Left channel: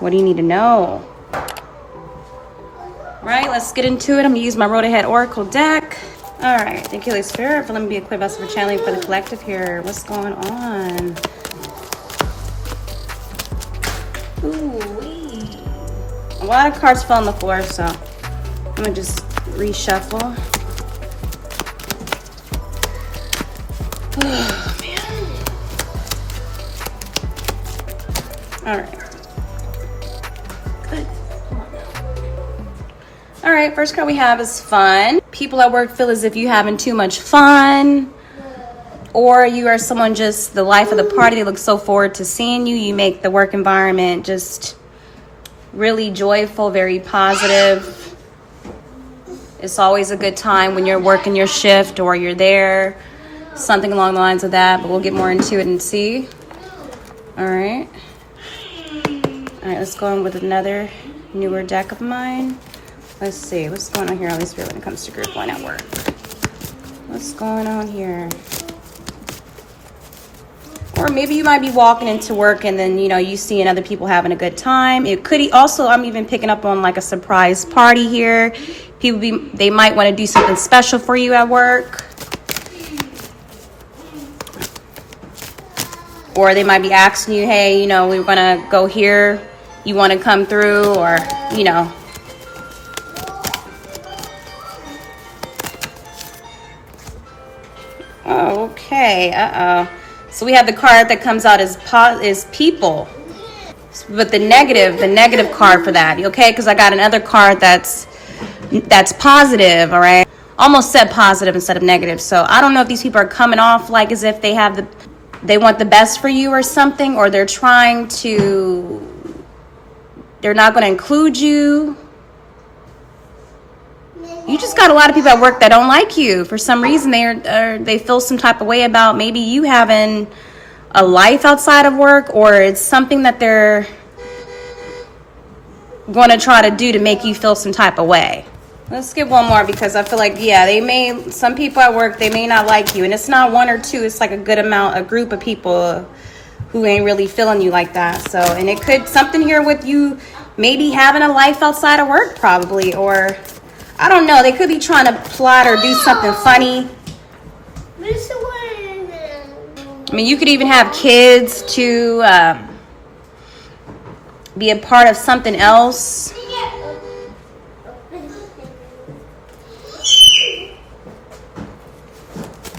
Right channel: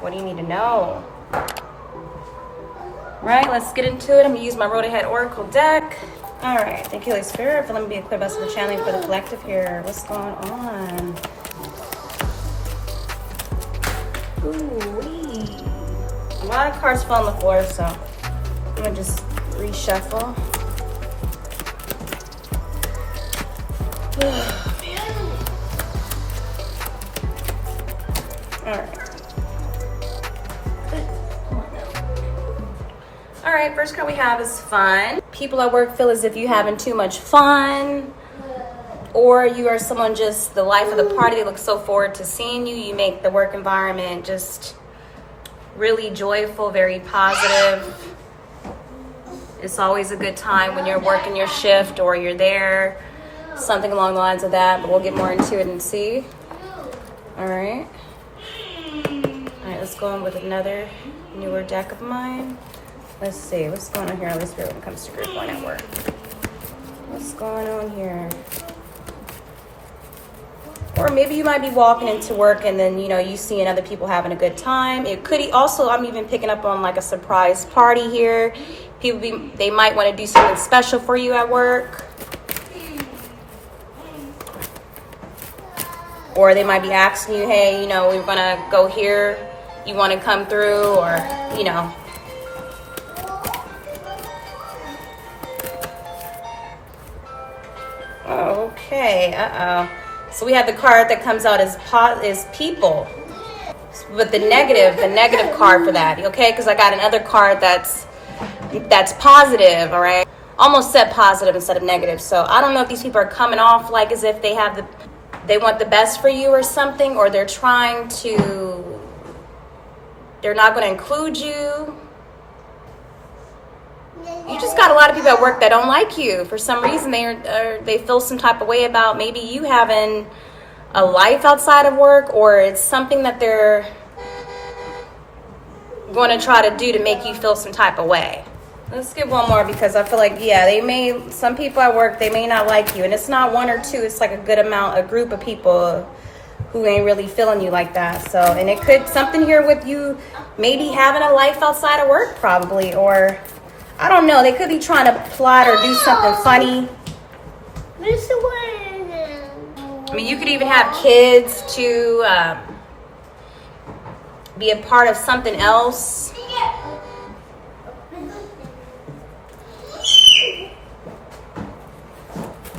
What do you need to know? Right, let's get into it. I'm gonna use my Road Ahead Oracle deck. All right, thank you, Holy Spirit, for letting me be equipped vessel for channeling for the collective here. What's going on? Ooh-wee. A lot of cards fell on the floor, so I'm gonna just reshuffle. Oh, man. All right. All right, first card we have is fun. People at work feel as if you're having too much fun, or you are someone just the life of the party. They look so forward to seeing you. You make the work environment just really joyful, very positive. It's always a good time when you're working your shift or you're there, something along the lines of that, but we'll get more into it and see. All right, let's go in with another newer deck of mine. Let's see, what's going on here, Holy Spirit, when it comes to group one at work? What's going on here? Or maybe you might be walking into work and then, you seeing other people having a good time. It could also, I'm even picking up on like a surprise party here. They might want to do something special for you at work. Or they might be asking you, hey, we're gonna go here. You want to come through, or, Okay, So we have the card that comes out is people, but the negative card for that, okay? Because I got another card that's positive, all right? Almost said positive instead of negative. So I don't know if these people are coming off like as if they want the best for you or something, or they're not going to include you. You just got a lot of people at work that don't like you. For some reason, they feel some type of way about maybe you having a life outside of work, or it's something that they're going to try to do to make you feel some type of way. Let's get one more, because I feel like, some people at work, they may not like you. And it's not one or two. It's like a group of people who ain't really feeling you like that. So, and it could, something here with you maybe having a life outside of work probably, or I don't know. They could be trying to plot or do something funny. I mean, you could even have kids to be a part of something else.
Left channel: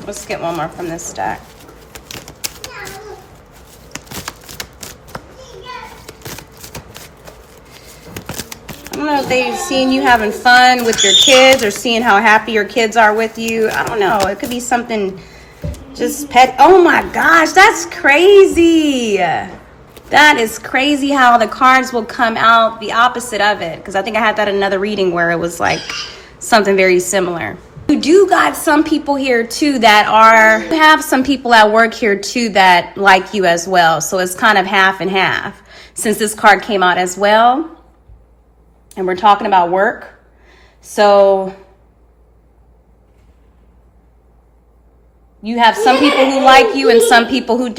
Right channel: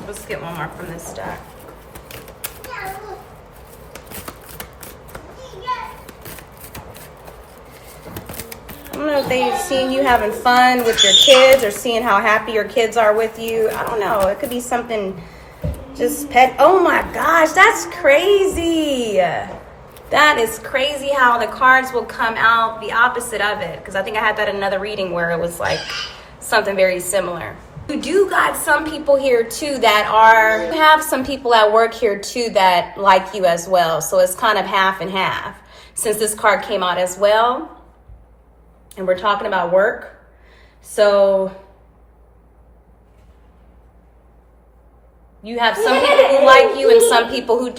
Let's get one more from this stack. I don't know if they've seen you having fun with your kids or seeing how happy your kids are with you. I don't know. It could be something just pet. Oh my gosh, that's crazy. That is crazy how the cards will come out the opposite of it. Because I think I had that in another reading where it was like something very similar. You do got some people here too you have some people at work here too that like you as well. So it's kind of half and half. Since this card came out as well. And we're talking about work. So you have some people who like you and some people who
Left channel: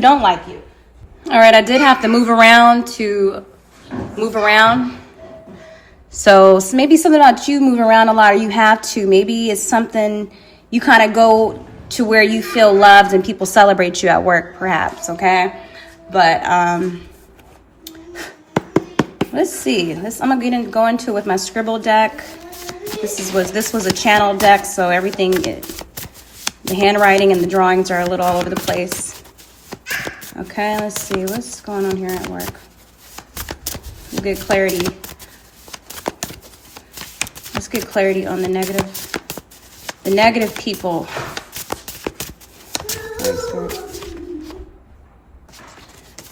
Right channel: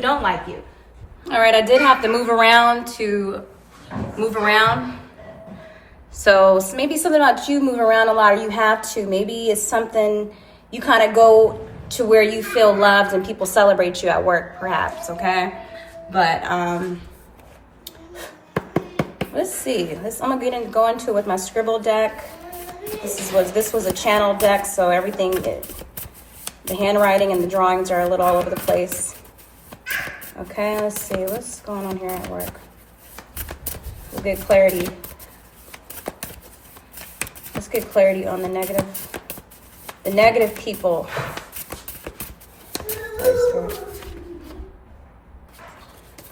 don't like you. All right, I did have to move around. So maybe something about you move around a lot, or you have to. Maybe it's something you kind of go to where you feel loved and people celebrate you at work, perhaps, okay? But let's see. I'm gonna go into it with my scribble deck. This was a channel deck, so everything, the handwriting and the drawings are a little all over the place. Okay, let's see what's going on here at work. We'll get clarity. Let's get clarity on the negative people.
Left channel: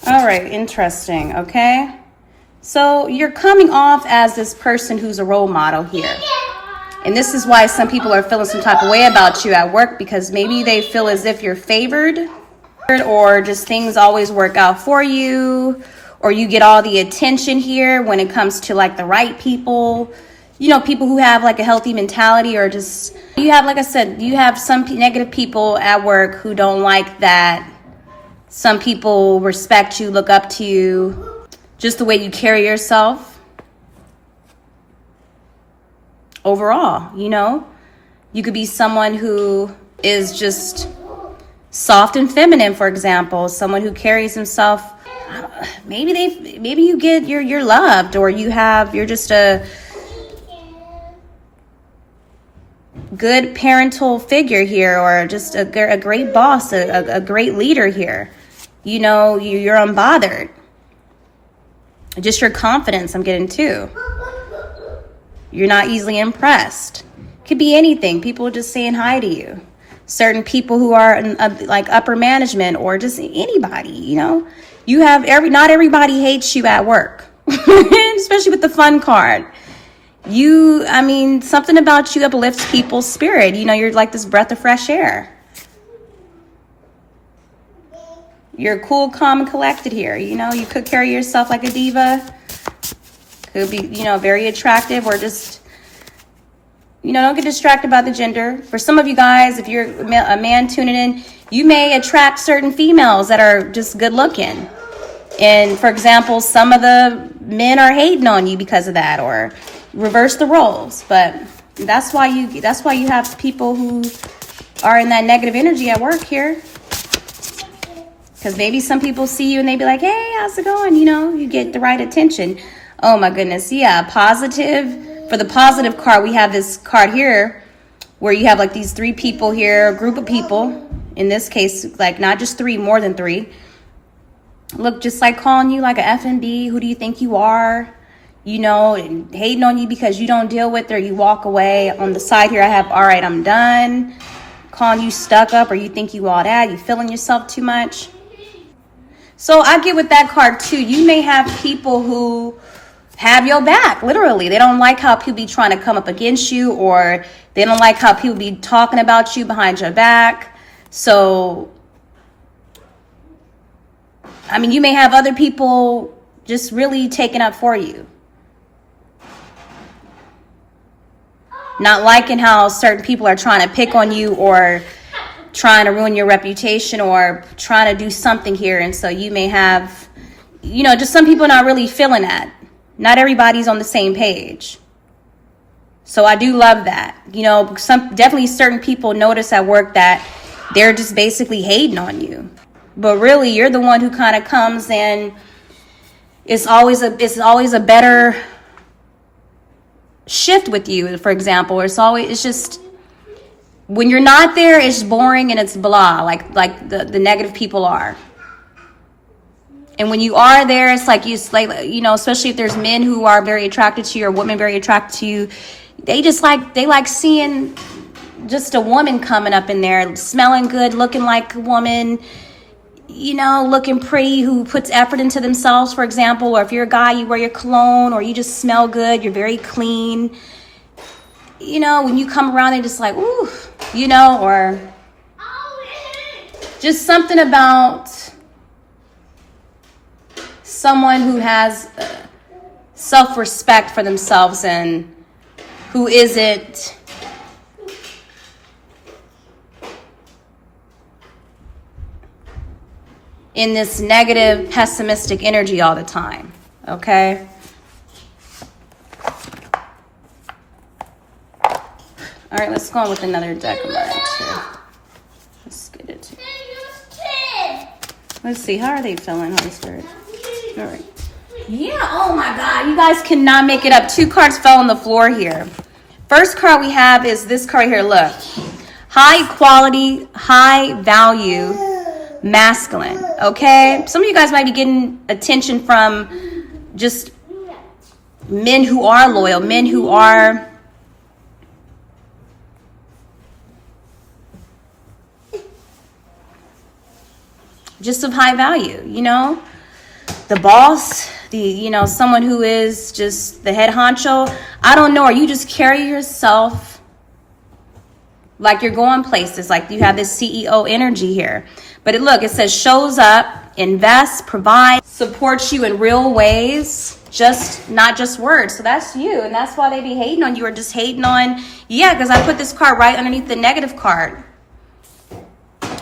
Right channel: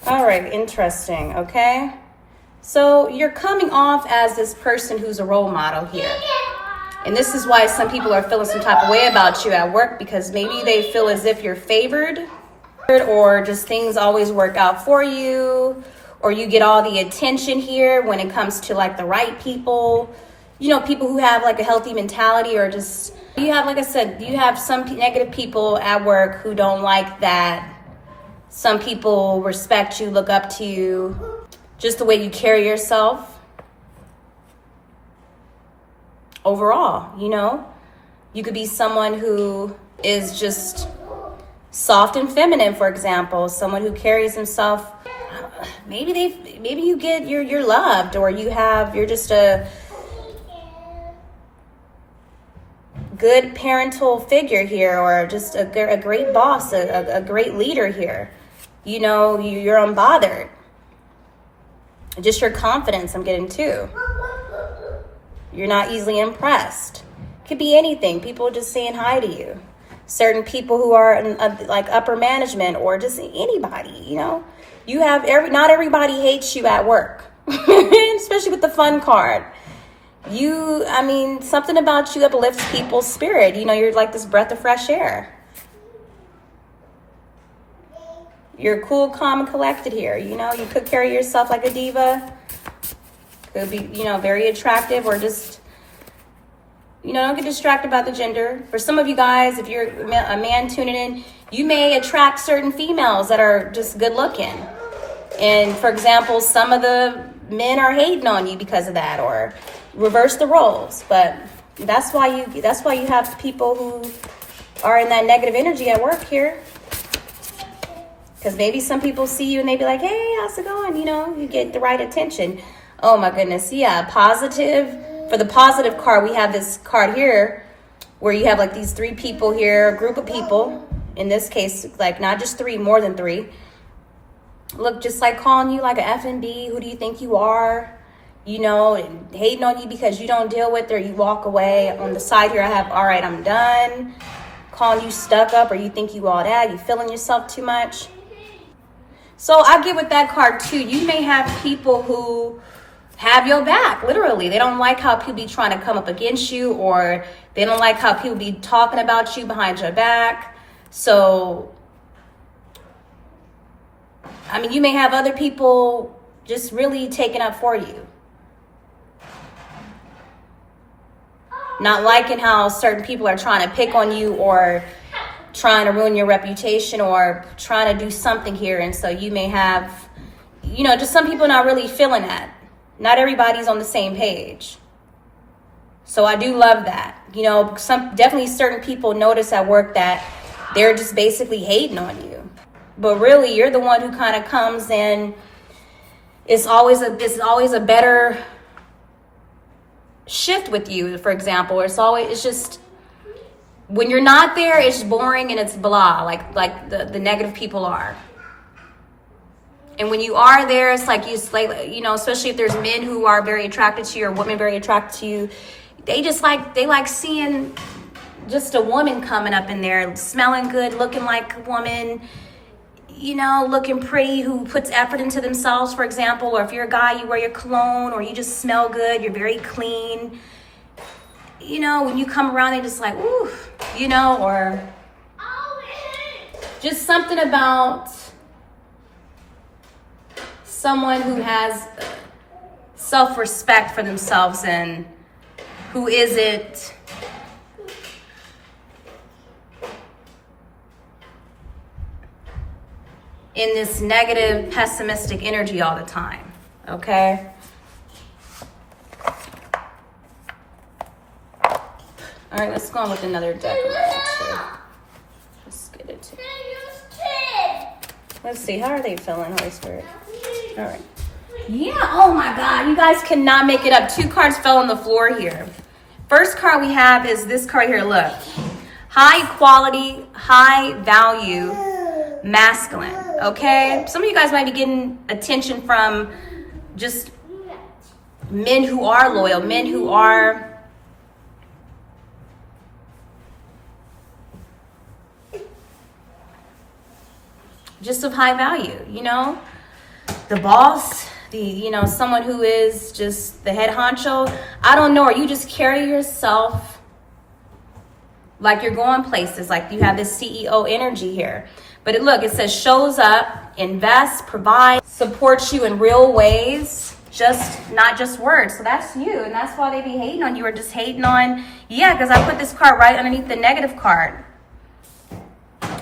All right, interesting. Okay. So you're coming off as this person who's a role model here. And this is why some people are feeling some type of way about you at work, because maybe they feel as if you're favored, or just things always work out for you, or you get all the attention here when it comes to like the right people. People who have like a healthy mentality, or just, you have, like I said, you have some negative people at work who don't like that. Some people respect you, look up to you. just the way you carry yourself overall, you know? You could be someone who is just soft and feminine, for example, someone who carries himself, maybe you get, you're loved, or you're just a good parental figure here, or just a great boss, a great leader here. You know, you're unbothered. Just your confidence, I'm getting too. You're not easily impressed. Could be anything. People just saying hi to you. Certain people who are in, like upper management, or just anybody, you know. You have not everybody hates you at work, especially with the fun card. Something about you uplifts people's spirit. You know, you're like this breath of fresh air. You're cool, calm, and collected here. You know, you could carry yourself like a diva. Could be, you know, very attractive, or just, you know, don't get distracted by the gender. For some of you guys, if you're a man tuning in, you may attract certain females that are just good looking. And for example, some of the men are hating on you because of that, or reverse the roles. But that's why you have people who are in that negative energy at work here. Because maybe some people see you and they be like, hey, how's it going? You know, you get the right attention. Oh my goodness. Yeah, positive. For the positive card, we have this card here where you have like these 3 people here, a group of people. In this case, like not just 3, more than 3. Look, just like calling you like a F&B. Who do you think you are? You know, and hating on you because you don't deal with it, or you walk away. On the side here, I have, all right, I'm done. Calling you stuck up, or you think you all that. You feeling yourself too much. So I get with that card too. You may have people who have your back, literally. They don't like how people be trying to come up against you, or they don't like how people be talking about you behind your back. So, I mean, you may have other people just really taking up for you. Not liking how certain people are trying to pick on you, or trying to ruin your reputation, or trying to do something here. And so you may have, you know, just some people not really feeling that. Not everybody's on the same page. So I do love that. You know, definitely certain people notice at work that they're just basically hating on you. But really, you're the one who kind of comes in. It's always a better shift with you, for example. It's just, when you're not there, it's boring and it's blah, like the negative people are. And when you are there, it's like, you know, especially if there's men who are very attracted to you, or women very attracted to you, they like seeing just a woman coming up in there, smelling good, looking like a woman, you know, looking pretty, who puts effort into themselves, for example. Or if you're a guy, you wear your cologne, or you just smell good, you're very clean. You know, when you come around, they're just like, ooh, you know, or just something about someone who has self-respect for themselves, and who isn't in this negative, pessimistic energy all the time, okay? All right, let's go on with another deck of cards here. Let's get it. Let's see, how are they feeling, Holy Spirit? All right. Yeah, oh my God, you guys cannot make it up. 2 cards fell on the floor here. First card we have is this card here, look. High quality, high value, masculine, okay? Some of you guys might be getting attention from just men who are loyal, men who are just of high value, you know? The boss, you know, someone who is just the head honcho. I don't know, or you just carry yourself like you're going places, like you have this CEO energy here. But look, it says shows up, invests, provides, supports you in real ways, not just words. So that's you, and that's why they be hating on you, or just hating on, yeah, because I put this card right underneath the negative card.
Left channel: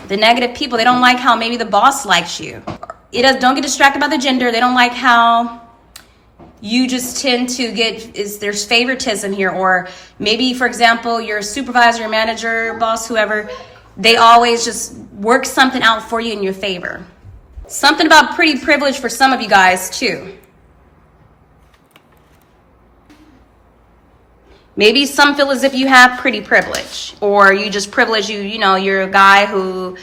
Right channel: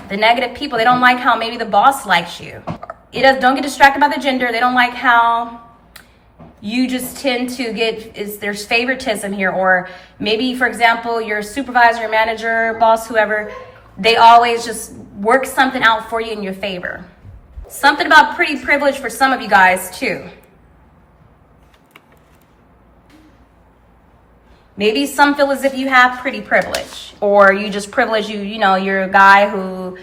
The negative people, they don't like how maybe the boss likes you. Don't get distracted by the gender. They don't like how you just tend to get, there's favoritism here, or maybe, for example, your supervisor, your manager, boss, whoever, they always just work something out for you in your favor. Something about pretty privilege for some of you guys too. Maybe some feel as if you have pretty privilege, or you just privilege, you know, you're a guy who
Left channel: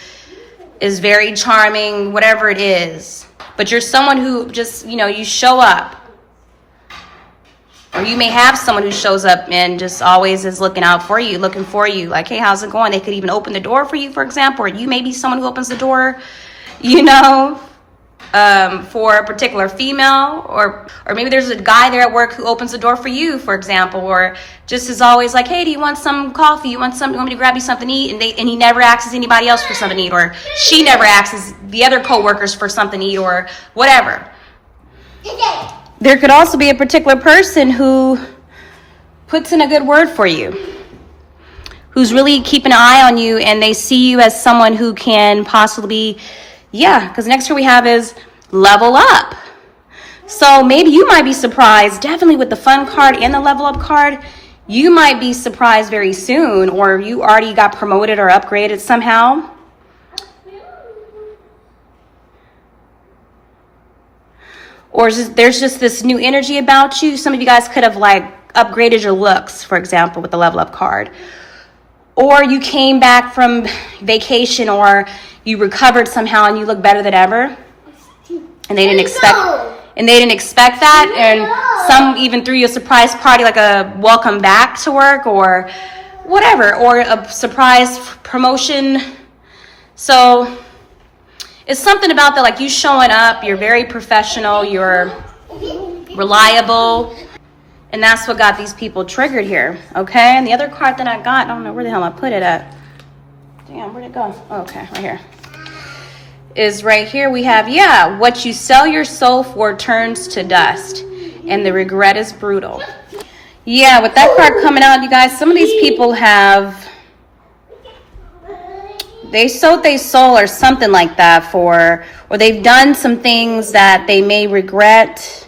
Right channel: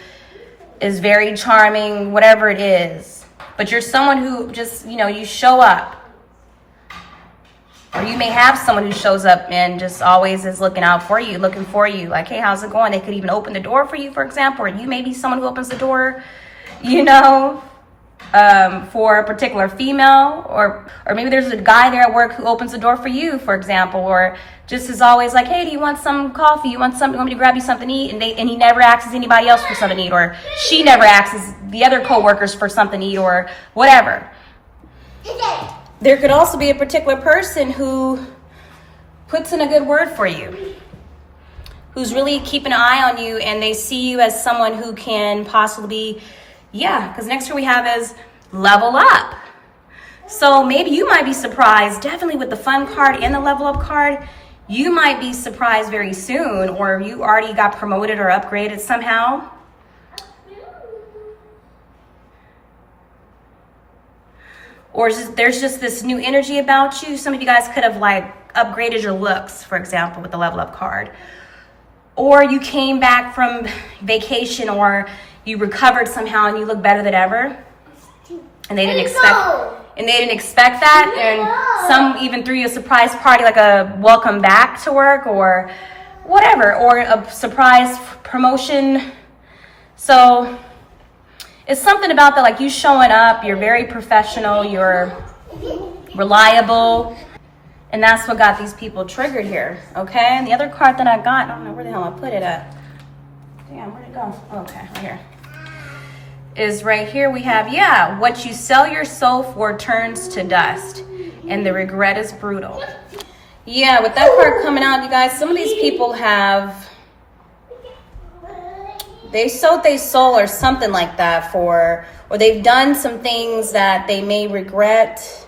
is very charming, whatever it is. But you're someone who just, you know, you show up. Or you may have someone who shows up and just always is looking out for you, looking for you. Like, hey, how's it going? They could even open the door for you, for example. Or you may be someone who opens the door, you know, for a particular female. Or maybe there's a guy there at work who opens the door for you, for example. Or just is always like, hey, do you want some coffee? You want me to grab you something to eat? And he never asks anybody else for something to eat. Or she never asks the other coworkers for something to eat, or whatever. There could also be a particular person who puts in a good word for you, who's really keeping an eye on you, and they see you as someone who can possibly, because next year we have is level up. So maybe you might be surprised, definitely with the fun card and the level up card, you might be surprised very soon, or you already got promoted or upgraded somehow. Or there's just this new energy about you. Some of you guys could have like upgraded your looks, for example, with the level up card. Or you came back from vacation, or you recovered somehow and you look better than ever. And they didn't expect that. And some even threw you a surprise party, like a welcome back to work or whatever, or a surprise promotion. So it's something about that, like you showing up, you're very professional, you're reliable, and that's what got these people triggered here, okay? And the other card that I got, I don't know where the hell I put it at. Damn, where'd it go? Oh, okay, right here. Is right here we have, what you sell your soul for turns to dust, and the regret is brutal. Yeah, with that card coming out, you guys, some of these people they sold their soul or something like that or they've done some things that they may regret.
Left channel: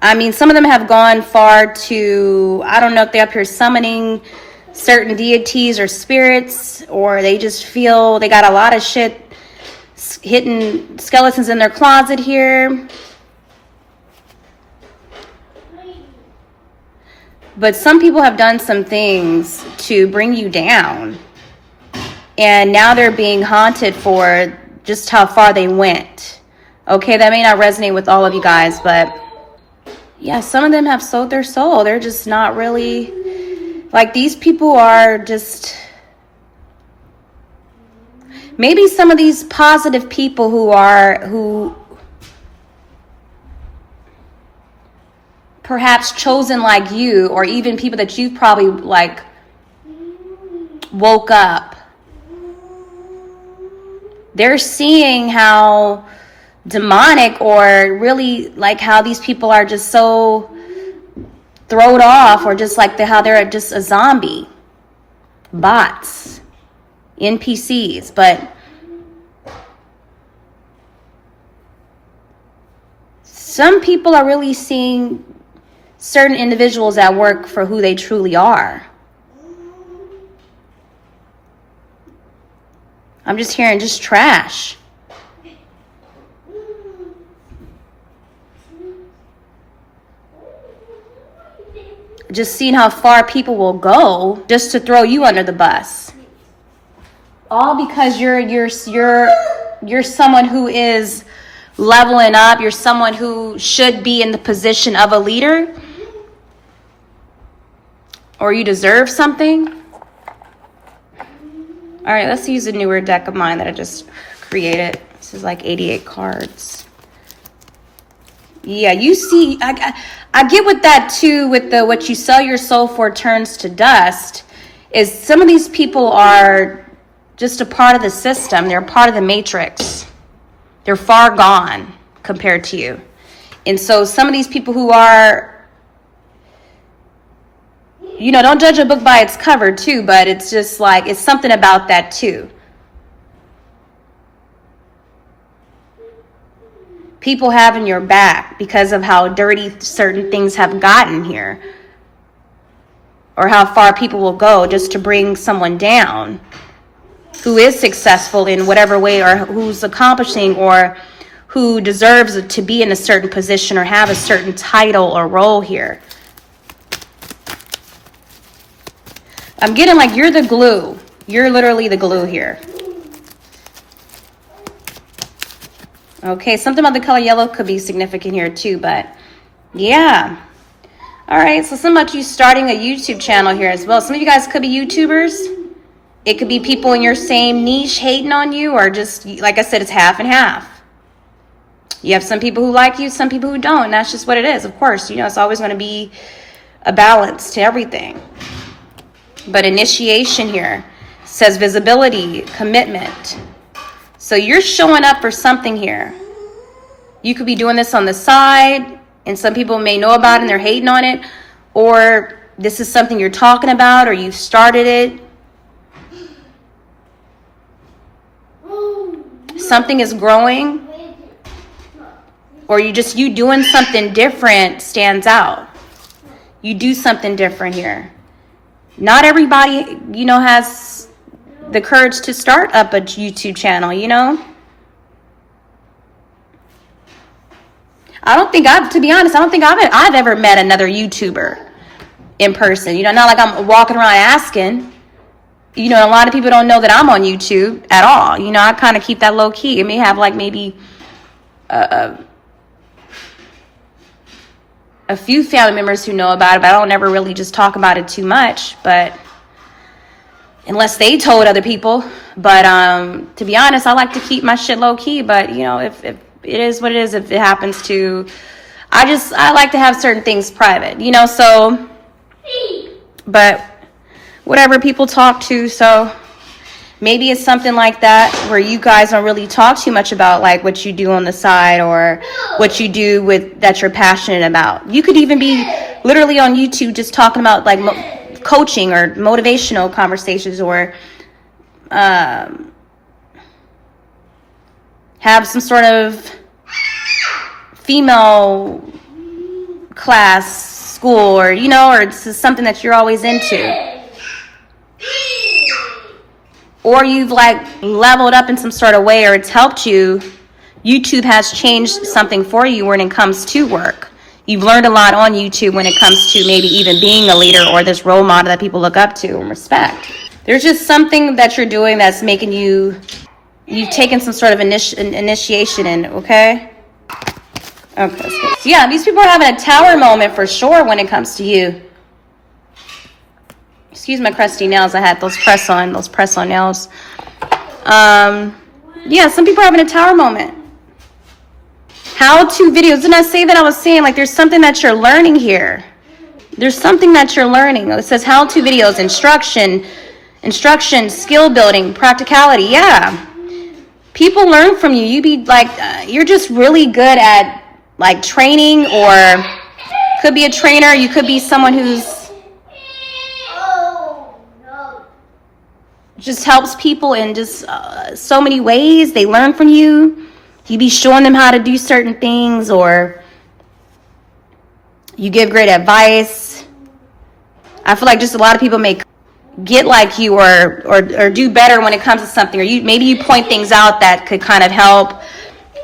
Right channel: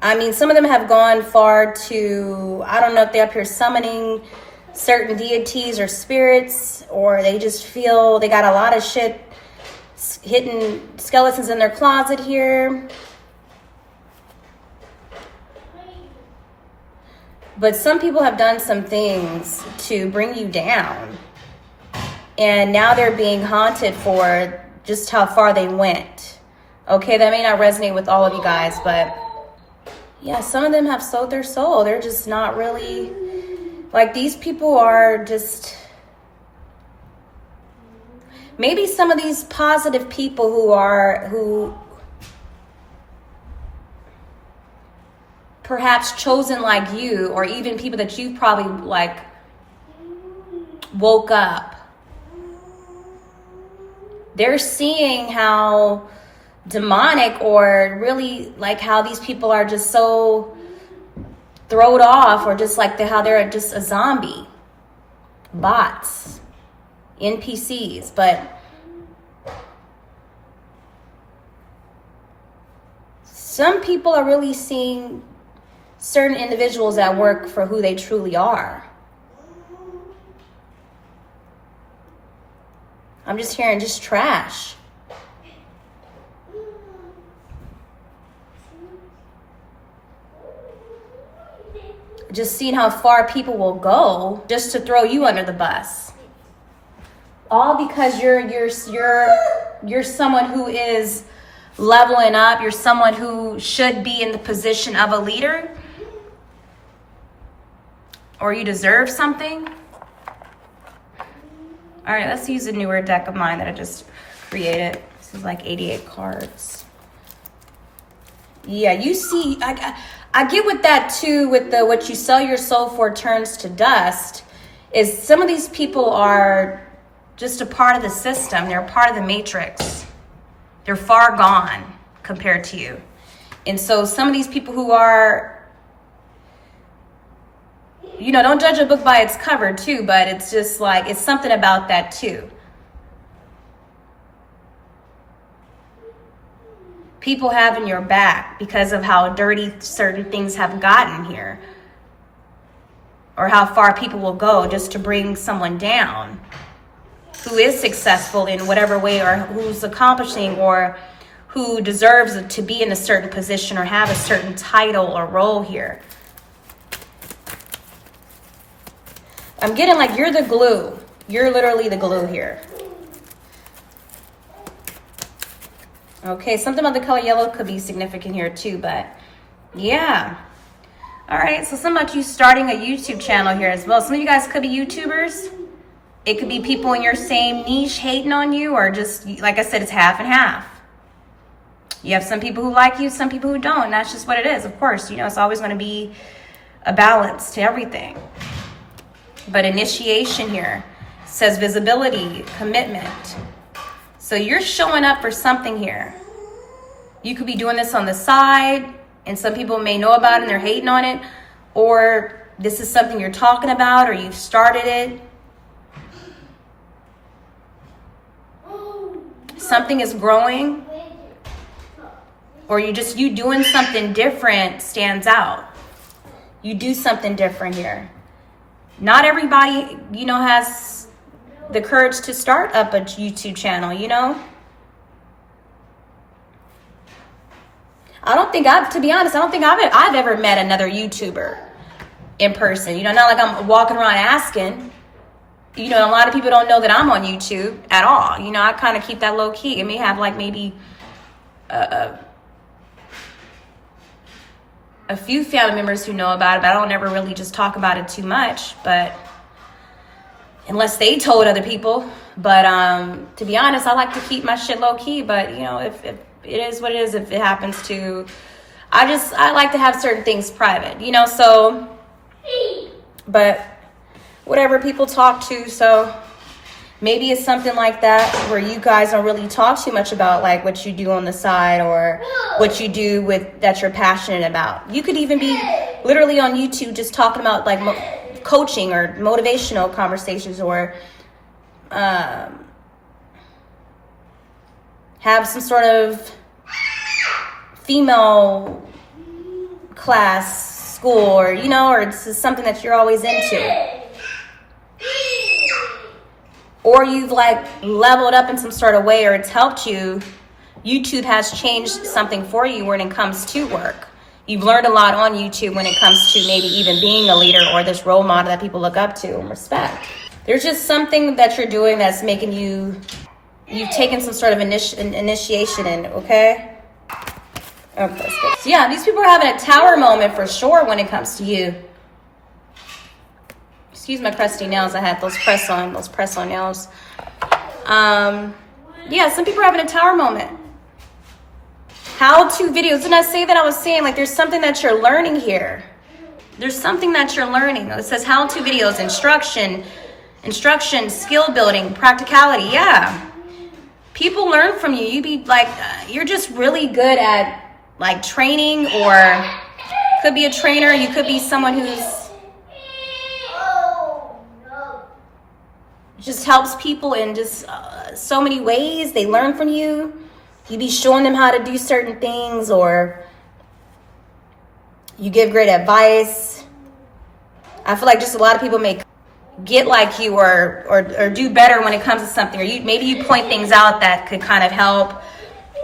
I mean, some of them have gone far to, I don't know if they're up here summoning certain deities or spirits, or they just feel they got a lot of shit, hidden skeletons in their closet here. But some people have done some things to bring you down. And now they're being haunted for just how far they went. Okay, that may not resonate with all of you guys, but yeah, some of them have sold their soul. They're just not really, like, these people are just, maybe some of these positive people who perhaps chosen like you, or even people that you've probably like woke up. They're seeing how demonic, or really like how these people are just so thrown off, or just like how they're just a zombie, bots, NPCs. But some people are really seeing certain individuals at work for who they truly are. I'm just hearing just trash. Just seeing how far people will go just to throw you under the bus. All because you're someone who is leveling up. You're someone who should be in the position of a leader, or you deserve something. All right, let's use a newer deck of mine that I just created. This is like 88 cards. Yeah, you see, I get with that too, with the what you sell your soul for turns to dust, is some of these people are just a part of the system. They're a part of the matrix. They're far gone compared to you. And so some of these people who are, you know, don't judge a book by its cover too, but it's just like, it's something about that too. people having your back because of how dirty certain things have gotten here, or how far people will go just to bring someone down who is successful in whatever way, or who's accomplishing, or who deserves to be in a certain position or have a certain title or role here. I'm getting like you're the glue. You're literally the glue here. Okay, something about the color yellow could be significant here too, but yeah. All right, so something about you starting a YouTube channel here as well. Some of you guys could be YouTubers. It could be people in your same niche hating on you, or just, like I said, it's half and half. You have some people who like you, some people who don't, and that's just what it is. Of course, you know, it's always going to be a balance to everything. But initiation here says visibility, commitment. So you're showing up for something here. You could be doing this on the side, and some people may know about it and they're hating on it, or this is something you're talking about, or you've started it. Something is growing, or you doing something different stands out. You do something different here. Not everybody, you know, has the courage to start up a YouTube channel, you know. To be honest, I don't think I've ever met another YouTuber in person. You know, not like I'm walking around asking. You know, a lot of people don't know that I'm on YouTube at all. You know, I kind of keep that low key. It may have like maybe a few family members who know about it, but I don't ever really just talk about it too much. But unless they told other people. But to be honest, I like to keep my shit low key. But you know, if it is what it is, if it happens to, I like to have certain things private. You know, so. But whatever people talk to, so maybe it's something like that where you guys don't really talk too much about like what you do on the side, or what you do with that you're passionate about. You could even be literally on YouTube just talking about like coaching or motivational conversations, or have some sort of female class, school, or you know, or it's something that you're always into. Or you've like leveled up in some sort of way, or it's helped you. YouTube has changed something for you when it comes to work. You've learned a lot on YouTube when it comes to maybe even being a leader, or this role model that people look up to and respect. There's just something that you're doing that's making you've taken some sort of initiation in, okay? Okay, so yeah, these people are having a tower moment for sure when it comes to you. Excuse my crusty nails. I had those press-on nails. Yeah, some people are having a tower moment. How-to videos. Didn't I say that? I was saying, like, there's something that you're learning here. There's something that you're learning. It says how-to videos, instruction, skill building, practicality. Yeah. People learn from you. You be like, you're just really good at, like, training, or could be a trainer. You could be someone who's just helps people in just so many ways. They learn from you. You be showing them how to do certain things, or you give great advice. I feel like just a lot of people may get like you, or do better when it comes to something, or maybe you point things out that could kind of help.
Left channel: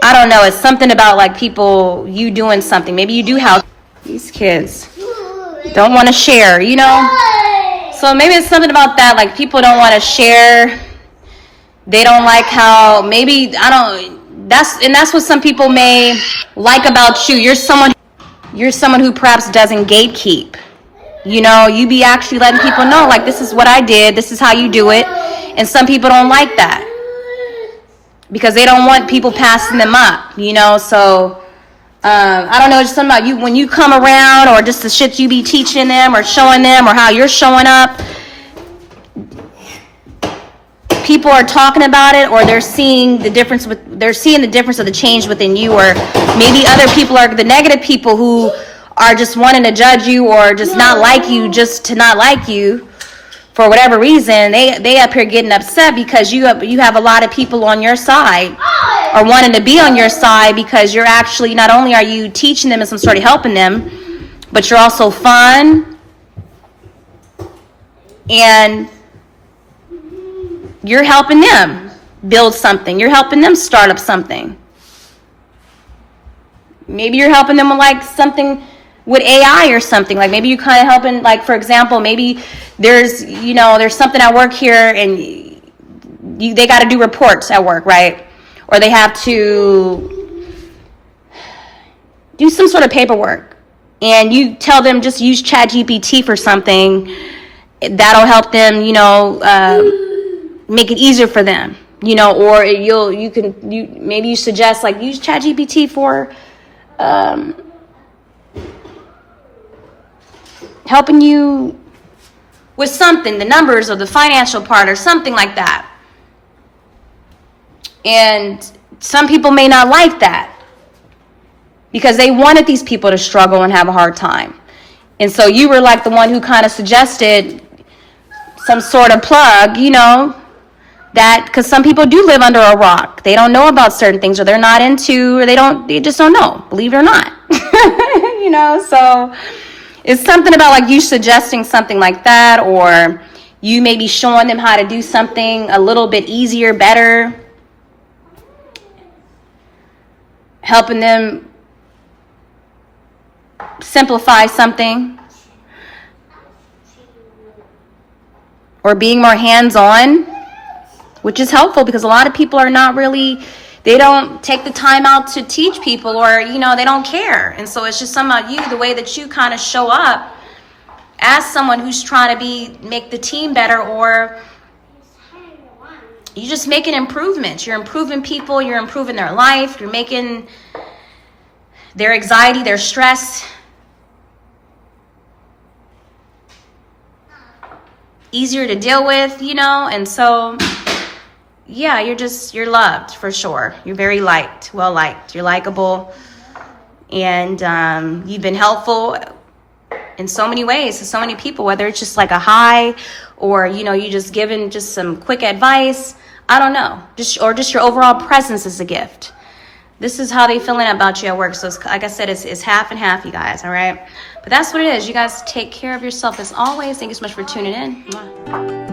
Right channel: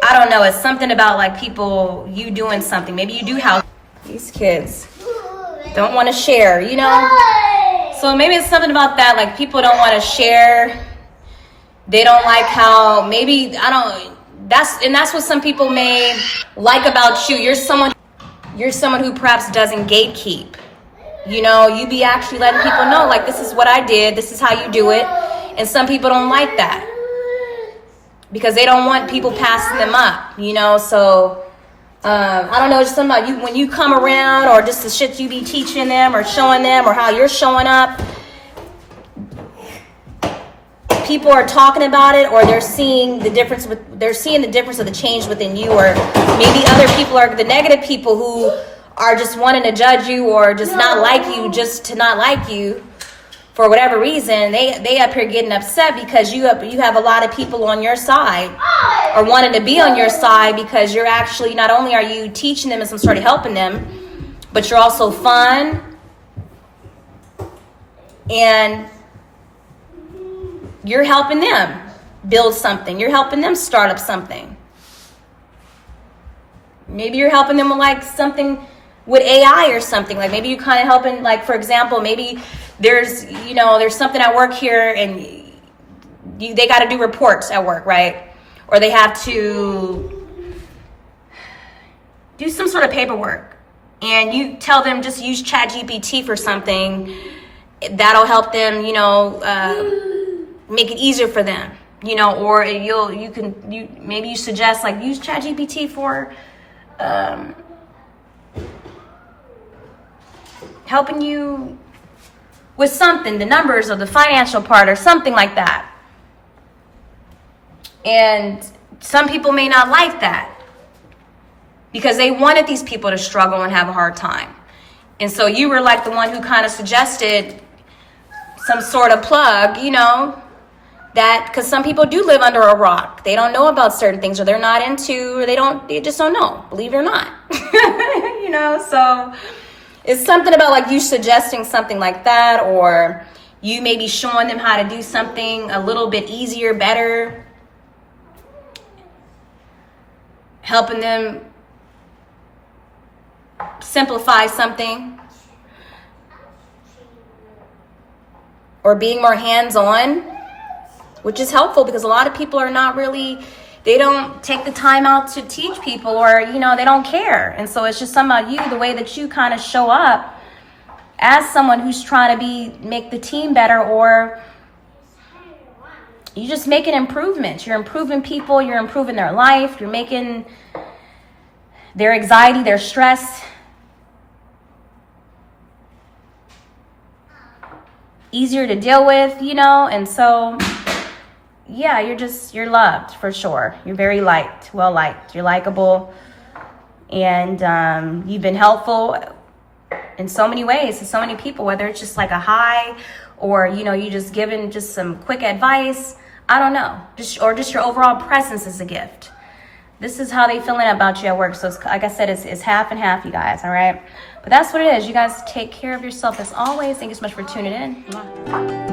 I don't know. It's something about like people, you doing something. Maybe you do help. These kids don't want to share, you know? So maybe it's something about that, like people don't want to share. They don't like how, maybe, that's what some people may like about you. You're someone who perhaps doesn't gatekeep. You know, you be actually letting people know, like, this is what I did, this is how you do it. And some people don't like that because they don't want people passing them up, you know? So I don't know, it's something about you when you come around, or just the shit you be teaching them or showing them, or how you're showing up. People are talking about it, or they're seeing the difference of the change within you, or maybe other people are the negative people who are just wanting to judge you, or just not like you, just to not like you. for whatever reason, they up here getting upset because you have a lot of people on your side or wanting to be on your side, because you're actually, not only are you teaching them and some sort of helping them, but you're also fun and you're helping them build something. You're helping them start up something. Maybe you're helping them with like something with AI or something. Like maybe you're kind of helping, like for example, maybe there's something at work here and they got to do reports at work, right? Or they have to do some sort of paperwork, and you tell them just use ChatGPT for something that'll help them, make it easier for them, or maybe you suggest like use ChatGPT for helping you with something, the numbers or the financial part or something like that. And some people may not like that because they wanted these people to struggle and have a hard time. And so you were like the one who kind of suggested some sort of plug, that, because some people do live under a rock. They don't know about certain things, or they're not into, or they just don't know, believe it or not. So it's something about like you suggesting something like that, or you maybe showing them how to do something a little bit easier, better, helping them simplify something, or being more hands-on, which is helpful because a lot of people are not really, they don't take the time out to teach people, or they don't care. And so it's just something about you, the way that you kind of show up as someone who's trying to make the team better, or you just making improvements. You're improving people, you're improving their life, you're making their anxiety, their stress easier to deal with, and so yeah, you're loved for sure. You're very liked, well liked. You're likable, and you've been helpful in so many ways to so many people, whether it's just like a hi, or you just giving just some quick advice. I don't know, just your overall presence is a gift. This is how they feeling about you at work. So it's, like I said, it's half and half, you guys. All right, but that's what it is. You guys take care of yourself as always. Thank you so much for tuning in. Mwah.